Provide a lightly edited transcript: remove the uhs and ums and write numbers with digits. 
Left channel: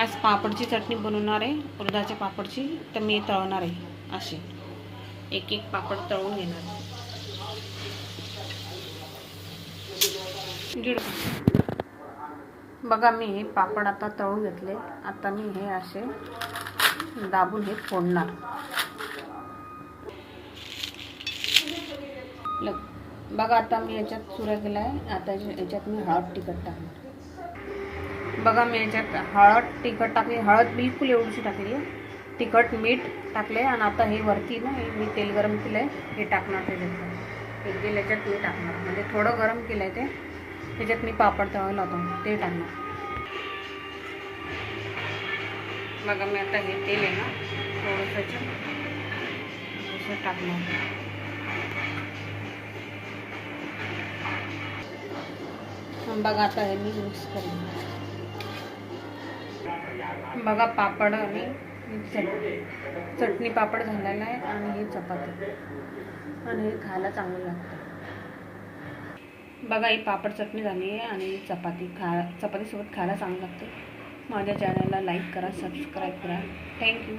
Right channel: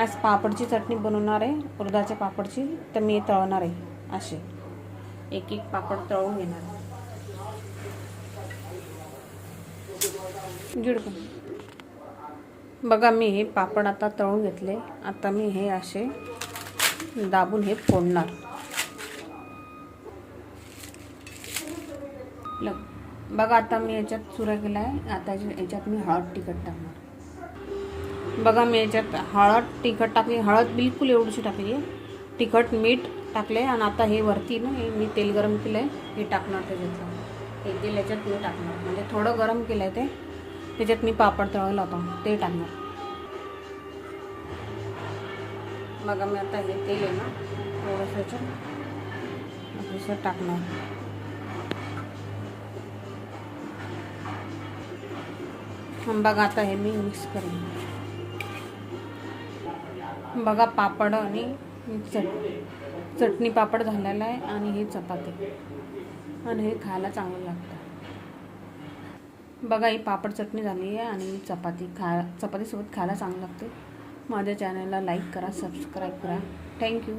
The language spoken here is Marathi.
आज पापडची चटणी बनवणार आहे, उडदाच्या पापडची. तर मी तळणार आहे. असे एक एक पापड तळून घेणार आहे. बघा, मी हे पापड आता तळून घेतले. आता मी हे असे दाबून हे फोडणार. बघा, आता मी याच्यात चुरा केला आहे. आता याच्यात मी हळद तिखट टाकणार. बघा, मी याच्यात हळद तिखट टाकली. हळद बिलकुल एवढीशी टाकली. तिखट मीठ टाकले. आणि आता हे वरती ना मी तेल गरम केलं आहे, हे टाकणार त्याच्यातलं. हे तेल याच्यात मी टाकणार, म्हणजे थोडं गरम केलं आहे ते. त्याच्यात मी पापड तळायला होतो ते टाकणार. बघा, मी आता हे तेल आहे ना थोडंसं असं टाकणार. बघा, आता हे मी मिक्स करेन. बघा, पापड आणि चटणी पापड झालेला आहे. आणि ही चपाती, आणि हे खायला चांगलं लागतं. बघा, ही पापड चटणी झाली आहे आणि चपातीसोबत खायला चांगलं लागते. माझ्या चॅनलला लाईक करा, सबस्क्राईब करा. थँक्यू.